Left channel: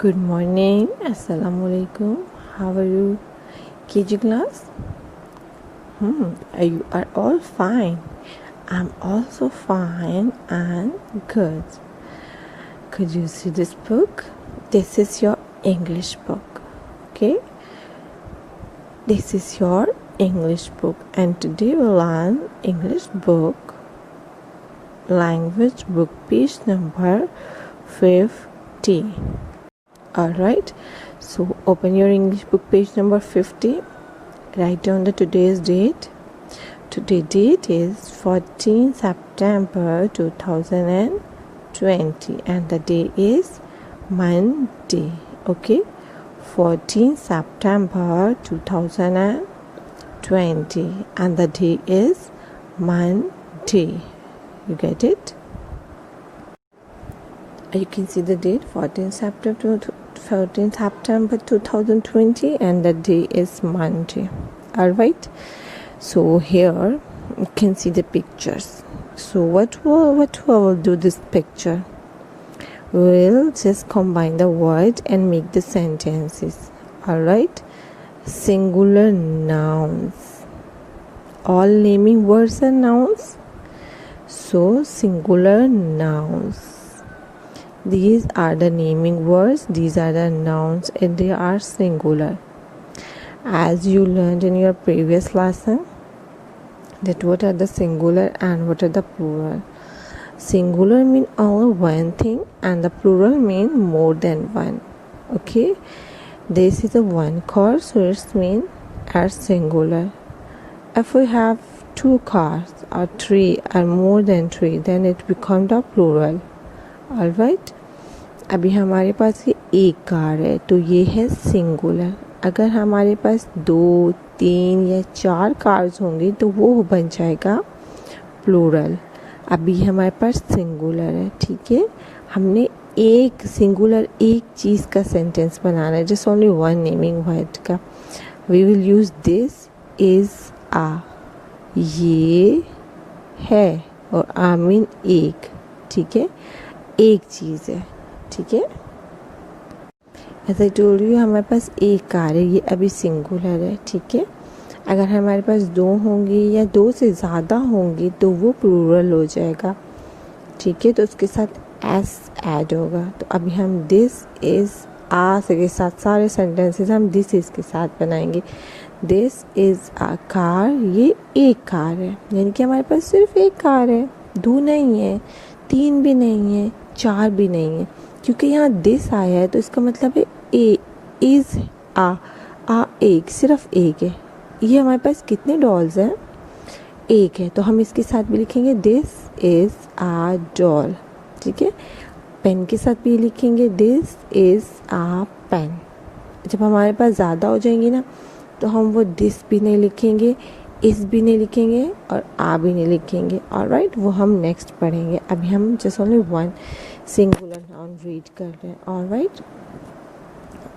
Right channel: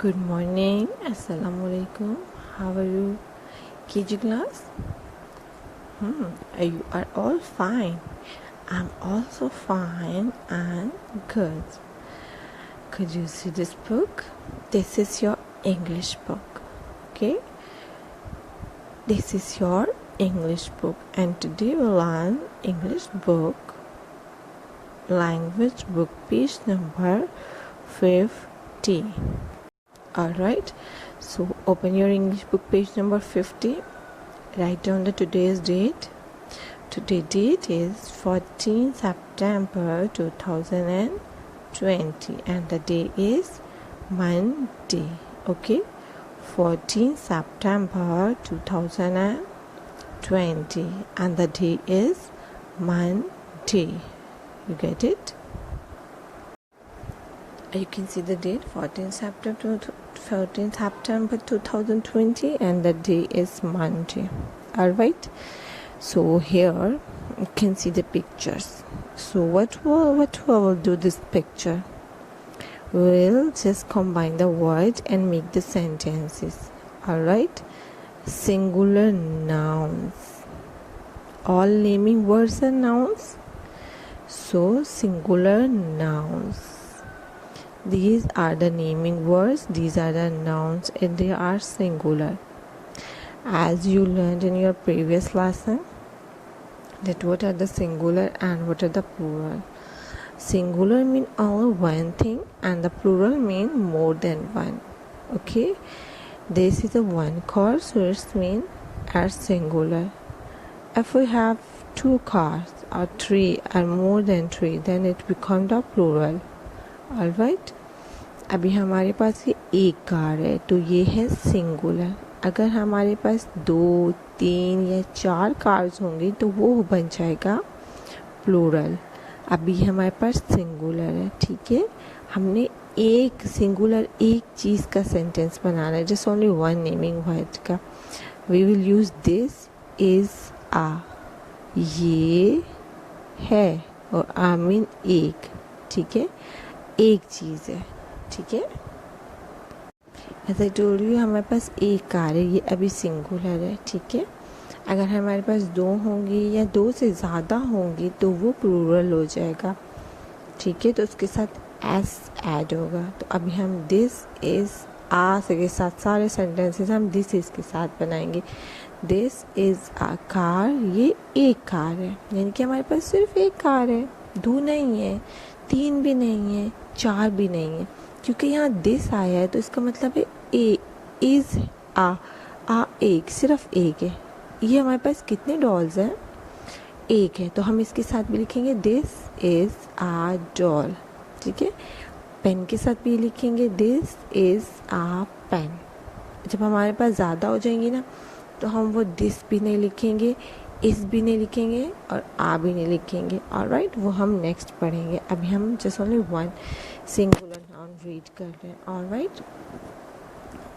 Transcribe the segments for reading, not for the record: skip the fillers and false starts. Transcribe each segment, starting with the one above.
Good morning. Assalamu alaikum. How are you? KG class? You are all fine. I'm also fine and good. Could you see this book? This is your English book. Okay? This is your English book. And today we'll learn English book, language book, page number 50. Alright, so open your English book, page number 50. Write down the today's date. Today's date is 14 September 2020 and the day is Monday. Okay, 14 September 2020 and the day is Monday. You get it? You can see the date 14 September 2020 and the day is Monday. Alright, so here you can see the pictures. So what will do this picture? We'll just combine the words and make the sentences. Alright, singular nouns. All naming words are nouns. So singular nouns. These are the naming words, these are the nouns and they are singular. As you learned in your previous lesson, that what are the singular and what are the plural. Singular mean all one thing and the plural mean more than one. Okay, this is a one car, so it means as singular. If we have two cars or three or more than three, then it becomes the plural. Alright, अभी हमारे पास ये एक car है तो ये है singular. अगर हमारे पास 2, 3 या 4 कार्स होंगी तो वो बन जाएगा प्लूरल. अभी हमारे पास सिंगुलर है. ठीक है, हमने एक सिंगुलर एक चीज़ का सेंटेंस बनाना है, just only one naming word का. We will use this is a. ये है और आ मीन एक. ठीक है, एक चीज़ है. ठीक है, ऐसा टोल्ड यू हमारे पास एक कार है, ये अभी सिंगुलर है. ठीक है, अगर हमारे पास 2 होंगी या 2 से ज़्यादा होंगी तो वो प्लूरल हो जाएगा. ठीक है, तो उसके साथ एस ऐड होगा. तो अभी हम दिस इज़ आ के साथ सारे सेंटेंसेस हम दिस इज़ के साथ बनाएंगे. दिस इज़ आ कार, ये एक कार है, यानी कि हमारे पास सिर्फ एक कार है. 2 नहीं है, 3 भी नहीं है, 4 भी नहीं है. क्योंकि यहाँ दिस आया है तो इसका मतलब है ए इज आ एक, सिर्फ एक है. ये हमारे पास कितने डॉल्स हैं? एक है, तो हम इसके साथ भी लिखेंगे दिस इज आ डॉल. ठीक है, पेन के साथ भी लिखेंगे दिस इज आ पेन. जब हमारे पास ज़्यादा हो जाएंगी ना तो हम वो दिस भी नहीं लिखेंगे, इस भी नहीं लिखेंगे और आ भी नहीं लिखेंगे. ऑलराइट, वो हम नेक्स्ट पढ़ेंगे. अभी हम just only one singular noun read कर रहे हैं. Alright,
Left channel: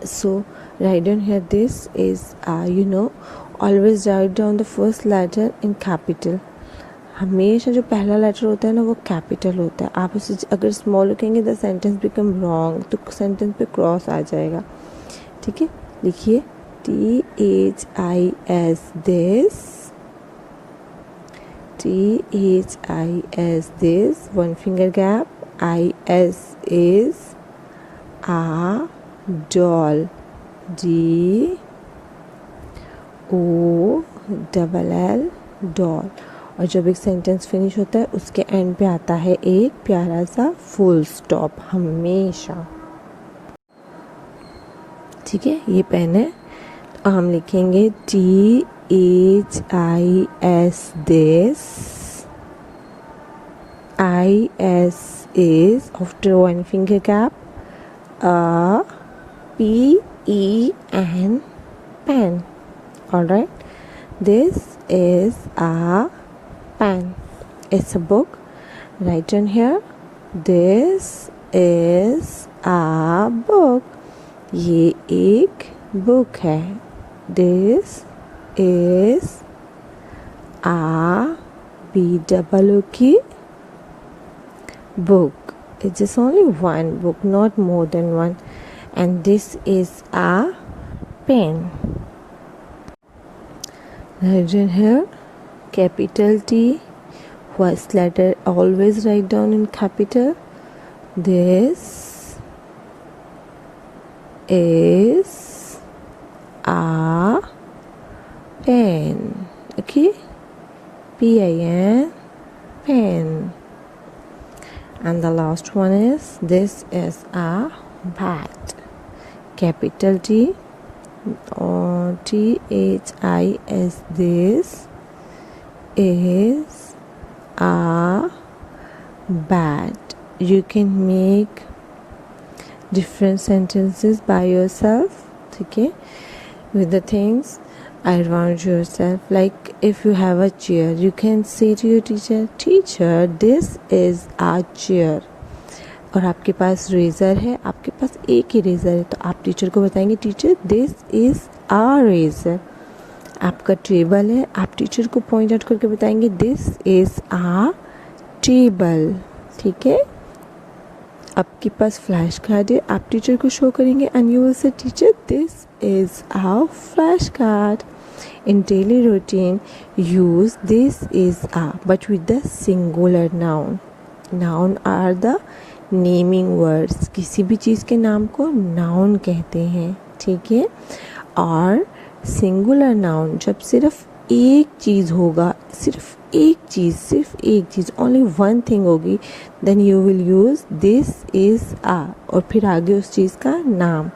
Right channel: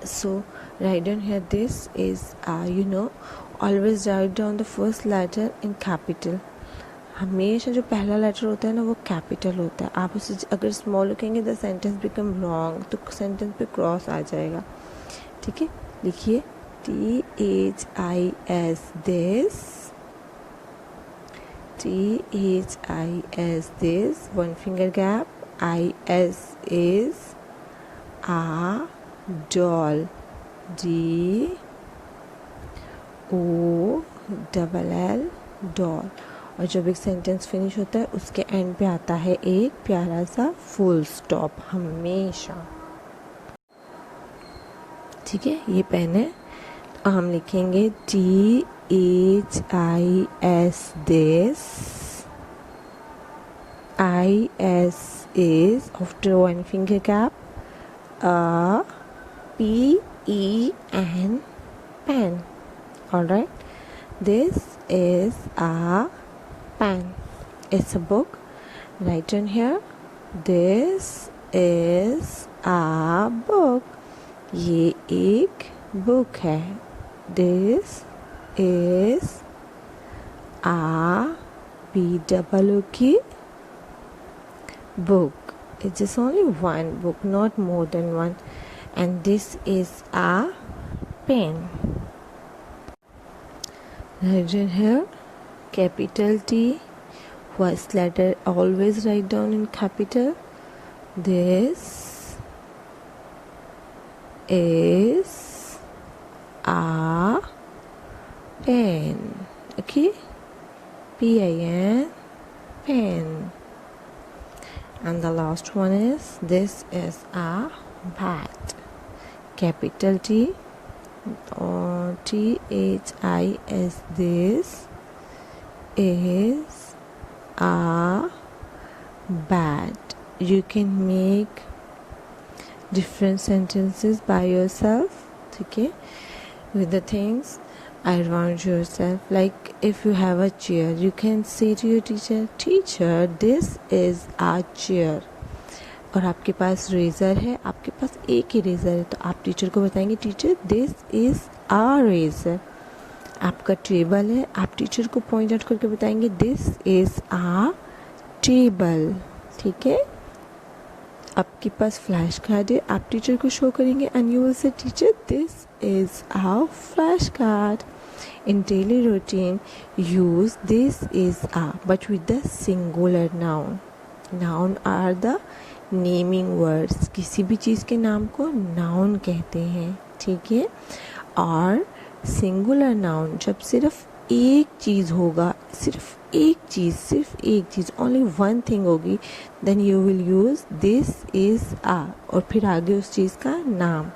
so write down here this is a. You know, always write down the first letter in capital. हमेशा जो पहला लेटर होता है ना वो कैपिटल होता है. आप इसे अगर स्मॉल लिखेंगे द सेंटेंस बिकम रॉन्ग, तो सेंटेंस पे क्रॉस आ जाएगा. ठीक है, लिखिए THIS this. THIS this, one finger gap. IS is a doll. DOLL doll. और जब एक सेंटेंस फिनिश होता है उसके एंड पे आता है एक प्यारा सा फुल स्टॉप हमेशा. ठीक है, ये पेन है, हम लिखेंगे THIS this. IS is, after one finger gap, a PEN pen. Alright, this is a pen. It's a book. Write down here, this is a book. ये एक बुक है. This is a BOOK book. It's just only one book, not more than one. and this is a pen. Write in here capital T. First letter always write down in capital. This is a pen. Okay, PIN, pen. And the last one is this is a bat. Capital T, THIS. This is a bat. You can make different sentences by yourself, okay, with the things around yourself. Like if you have a chair, you can say to your teacher, teacher, this is a chair. और आपके पास razor है, आपके पास एक ही razor है, तो आप teacher को बताएंगे, teacher this is a razor. आपका टेबल है, आप टीचर को पॉइंट आउट करके बताएंगे, दिस इज़ आ टेबल. ठीक है. आपके पास फ्लैश कार्ड है, आप टीचर को शो करेंगे and you will say teacher this is a flash card. In daily routine, use this is a, but with the singular noun. Noun are the naming words. किसी भी चीज़ के नाम को noun कहते हैं. ठीक है. और singular noun जब सिर्फ एक चीज़ होगा, सिर्फ एक चीज़, only one thing होगी, then you will use this is a और फिर आगे उस चीज़ का नाम.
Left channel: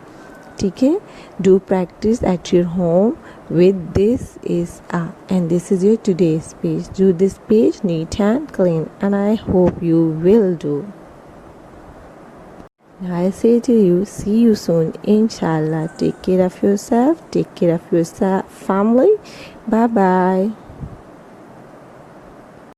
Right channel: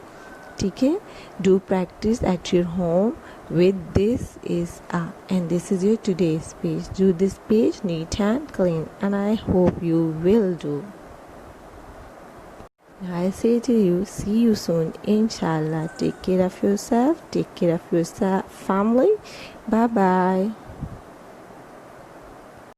ठीक है. Do practice at your home with this is a, and this is your today's page. Do this page neat and clean, and I hope you will do. I say to you, see you soon, inshallah. Take care of yourself, take care of your family. Bye bye.